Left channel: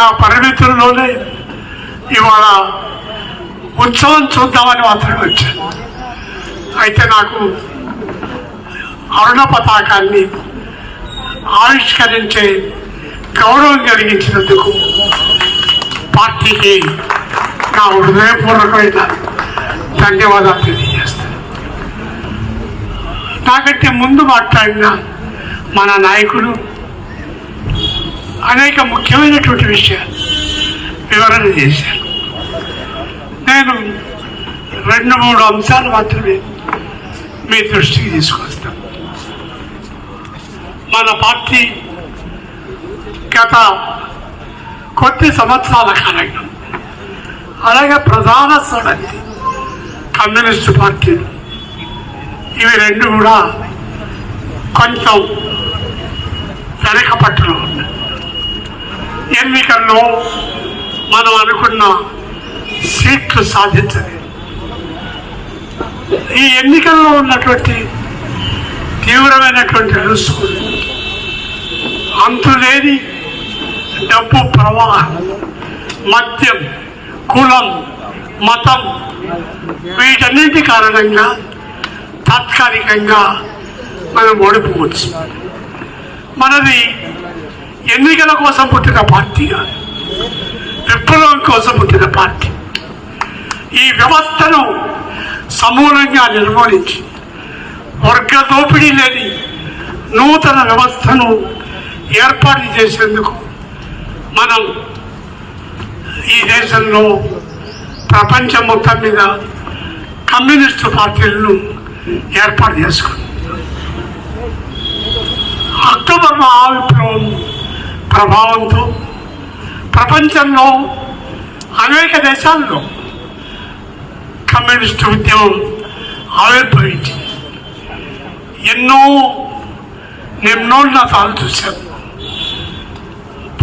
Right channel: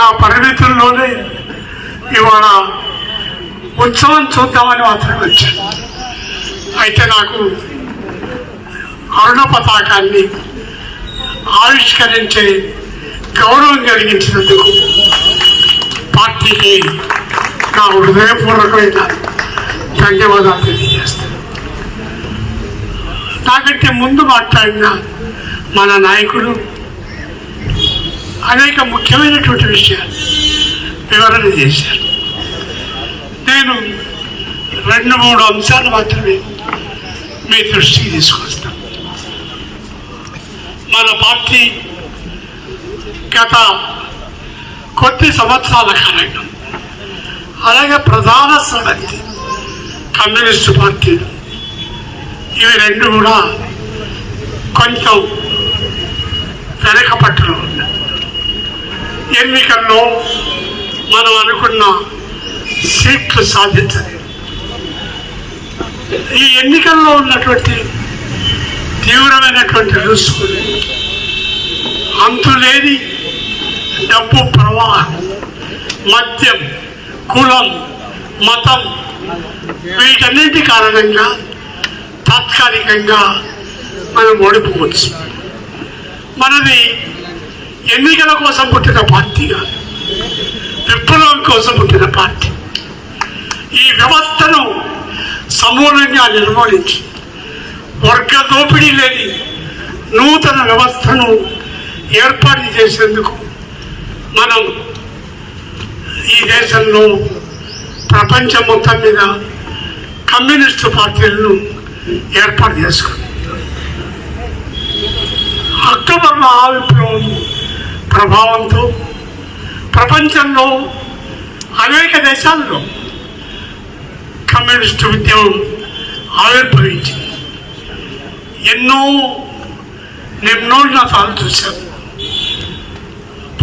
నా పరిమితుల్లోనే ఇవాళ ఉత్సవం చూద్దామని మాత్రమే వచ్చాను. అయితే నాకు అరుణ పతాకాన్ని ఆవిష్కరించే గౌరవం కలిగించినందుకు పార్టీకి నా హృదయపూర్వకమైన ధన్యవాదాలు తెలియజేస్తాను. నాకంటే ముందు మాట్లాడిన మన నాయకుడు అనేక ముఖ్యమైనటువంటి విషయాలు వివరణ చేశారు. నేను రెండు మూడు అంశాలు మాత్రమే మీ దృష్టికి తీసుకొస్తాను. మన పార్టీ గత కొద్ది సంవత్సరాల కాలంగా అలాగే ప్రధాన సంగతి కమ్యూనిస్టు పార్టీ. ఇవి రెండు కూడా కొంచెం వెనకపట్టులో ఉన్నాయి. ఎన్నికల్లో మనం అనుకున్న సీట్లు సాధించలేదు. ఈ ఎన్నికల్లో ఉన్నటువంటి తీవ్రమైనటువంటి రుసుములు అంతులేని డబ్బు ప్రవాహం మద్యం కులం మతం వీటన్నిటి కారణంగా తాత్కాలికంగా మనం ఓడిపోవచ్చు. మనది ఎన్నికల కోసం పుట్టిన పార్టీగా విప్లవం కోసం పుట్టిన పార్టీ. ఈ వ్యవస్థను సమూలంగా నిర్మూలించి వర్గ దోపిడీ లేని నూతన వ్యవస్థను ఏర్పాటు చేసేందుకు మనం ఈ దేశంలో ప్రపంచం మొత్తం మీద కమ్యూనిస్టు పార్టీలను ఏర్పాటు చేసుకున్నాం. అక్టోబర్ మహావిప్లవం ప్రభావంతో ప్రపంచంలో అనేక దేశాల్లో కమ్యూనిస్టు ఉద్యమం ఆవిర్భవించింది. ఎన్నో నిమ్నోన్నతాలు చూశాం.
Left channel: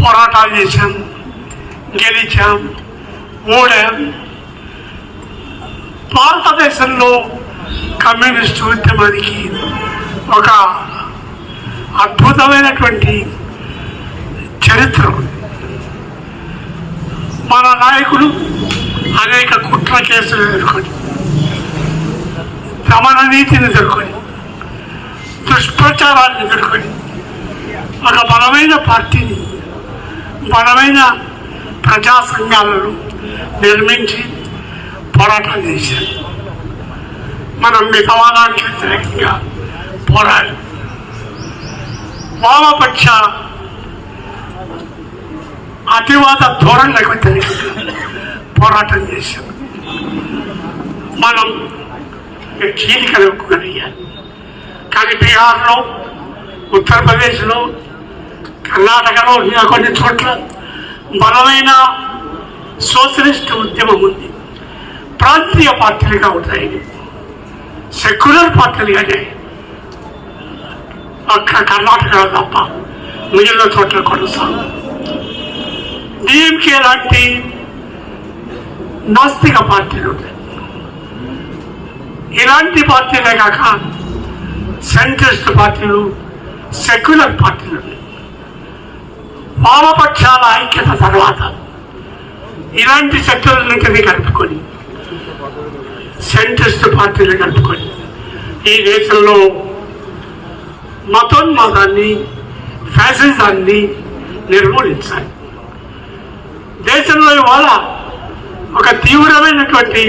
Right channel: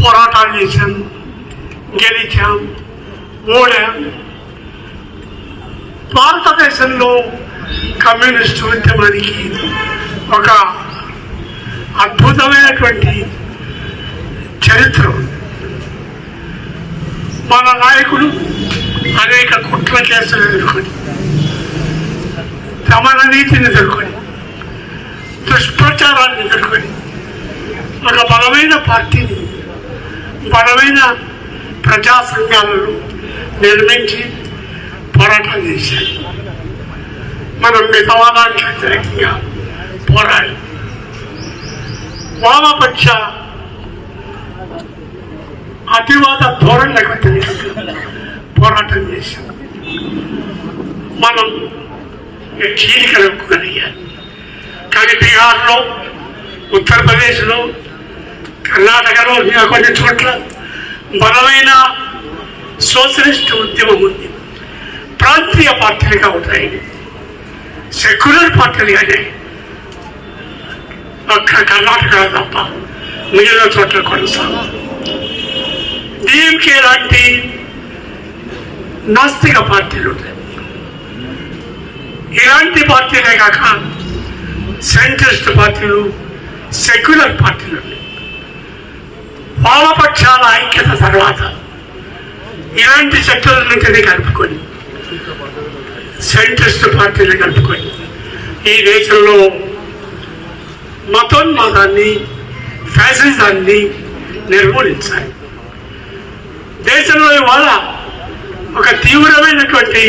పోరాటాలు చేశాం గెలిచాం ఓడాం. భారతదేశంలో కమ్యూనిస్టు ఉద్యమానికి ఒక అద్భుతమైనటువంటి చరిత్ర మన నాయకుడు అనేక కుట్ర కేసులు ఎదుర్కొని రమణ నీతిని ఎదుర్కొని దుష్ప్రచారాన్ని ఎదుర్కొని ఒక బలమైన పార్టీని బలమైన ప్రజా సంఘాలను నిర్మించి పోరాటం చేశారు. మనం మితవాదానికి వ్యతిరేకంగా పోరాడి. వామపక్ష అతివాద ధోరణులకు లేకుండా పోరాటం చేశాం. మనం చీలికలుపుకోగలిగాం కానీ బీహార్లో ఉత్తరప్రదేశ్లో కర్ణాటకలో ఇంకా కొన్ని చోట్ల బలమైన సోషలిస్ట్ ఉద్యమం ఉంది. ప్రాంతీయ పార్టీలుగా ఉన్నాయి. సెక్యులర్ పార్టీలుగానే ఒక్క కర్ణాటక తప్ప మిగిలిన చోట్ల కొనసాగుతుంది డిఎంకే లాంటి నాస్తిక పార్టీలు ఇలాంటి పార్టీలే కాక సెంట్రిస్ట్ పార్టీలు సెక్యులర్ పార్టీలు ఉన్నాయి వామపక్షాల ఐక్యత తర్వాత ఇలాంటి శక్తులన్నింటినీ కలుపుకొని సెంట్రిస్ట్ పార్టీలు కలుపుకొని ఈ దేశంలో మతోన్మాదాన్ని ఫ్యాసిజాన్ని నిర్మూలించాలి. దేశంలో ఇవాళ ఒక తీవ్రమైనటువంటి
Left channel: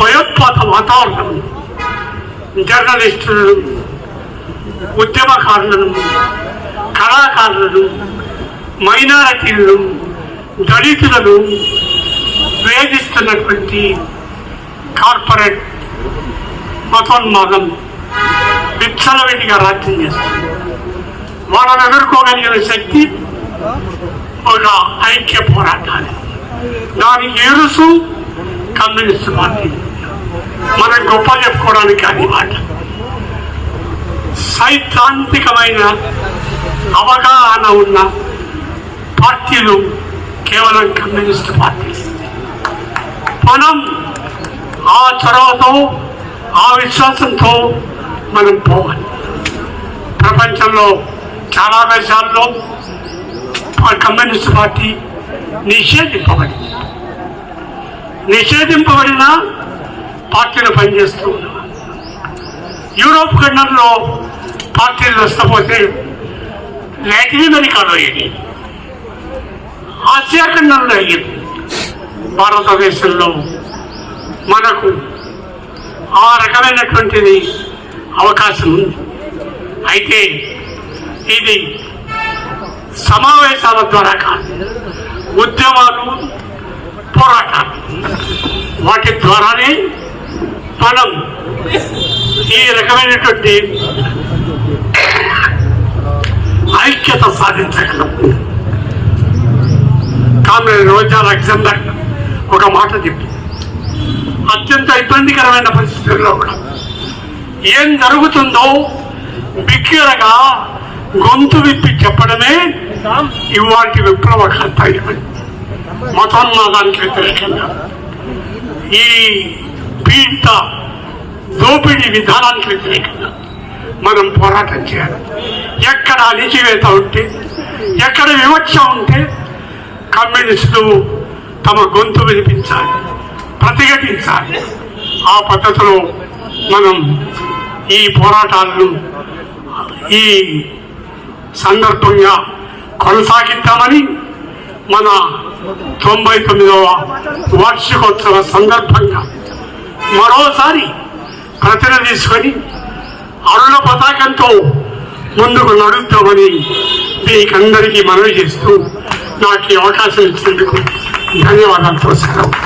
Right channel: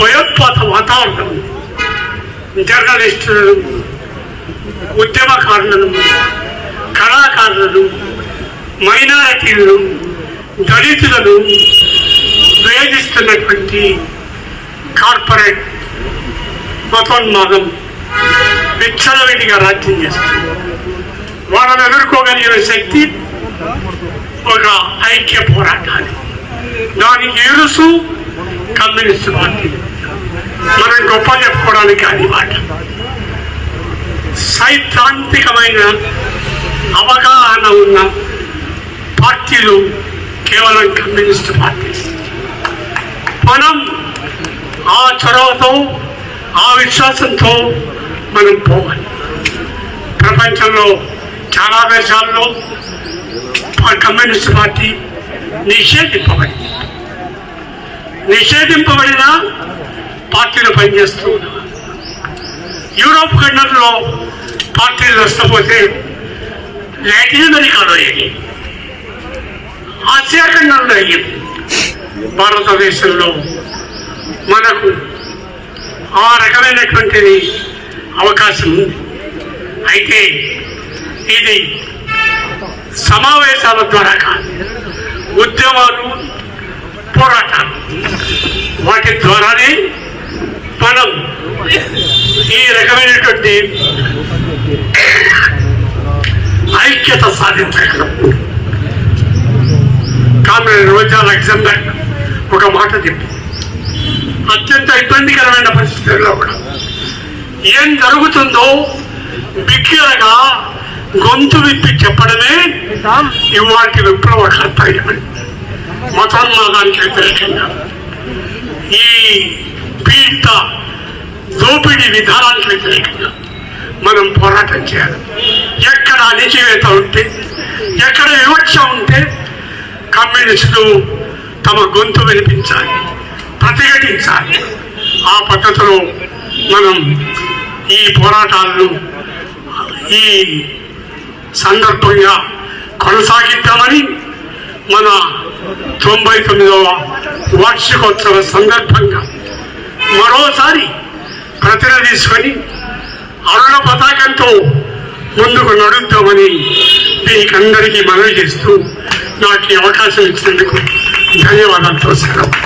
భయోత్పాత వాతావరణం జర్నలిస్టులు ఉద్యమకారులను కళాకారులను మైనారిటీలను దళితులను వేధిస్తున్నటువంటి కార్పొరేట్ మతోన్మాదం విచ్చలవిడిగా రాజ్యం చేస్తుంది. వాళ్ళని ఎదుర్కోగలిగిన శక్తి ఒక ఐక్య పోరాటాలు దానికి ఎరుసు కమ్యూనిస్ట్ పార్టీ మనం గొప్ప చెప్పుకోవడానికి కానీ మాట సైద్ధాంతికమైన అవగాహన ఉన్న పార్టీలు కేవలం కమ్యూనిస్ట్ పార్టీ. మనం ఆ చొరవతో ఆ విశ్వాసంతో మనం పోవాలి. ప్రపంచంలో చాలా దేశాల్లో కమ్యూనిస్ట్ పార్టీ నిషేధింపబడింది నిషేధింపబడిన పార్టీలు పనిచేస్తూ ఉన్నాయి. యూరోప్ ఖండంలో పార్టీలు వస్తపోతే లాటిన్ అమెరికాలో అయ్యింది ఆసియా ఖండంలో అయ్యింది భారతదేశంలో మనకు ఆ రకమైనటువంటిది అవకాశం ఉంది. అయితే ఇది సమావేశాల ద్వారా కాదు ఉద్యమాలు పోరాటాలు. వాటి ద్వారానే మనం ఈ రకమైనటువంటి ఐక్యత సాధించగలం. కామ్రేడ్ రోజా అలెగ్జాండర్ ఒక మాట చెప్పి. అత్యంత ఇబ్బందికరమైన పరిస్థితుల్లో కూడా ఏం జరుగుతుందో బిగ్గరగా గొంతు విప్పి చెప్పడమే ఇవాటి విప్లవ కర్తవ్యం మతోన్మాదానికి వ్యతిరేకంగా ఈ పీడిత దోపిడీ విధానానికి వ్యతిరేకంగా మనం పోరాటం చేయాలి. ఎక్కడ అణిచివేత ఉంటే ఎక్కడ వివక్ష ఉంటే కమ్యూనిస్టులు తమ గొంతు వినిపించాలి ప్రతిఘటించాలి. ఆ పద్ధతిలో మనం ఈ పోరాటాలను ఈ సందర్భంగా కొనసాగిద్దామని మన తొంభై తొమ్మిదవ వార్షికోత్సవ సందర్భంగా మరోసారి ప్రతిన తీసుకొని అరుణ పతాకంతో ముందుకు నడుద్దామని మీకందరికీ మనవి చేస్తూ నాకు ఈ అవకాశం ఇచ్చినందుకు ధన్యవాదాలు సెలవు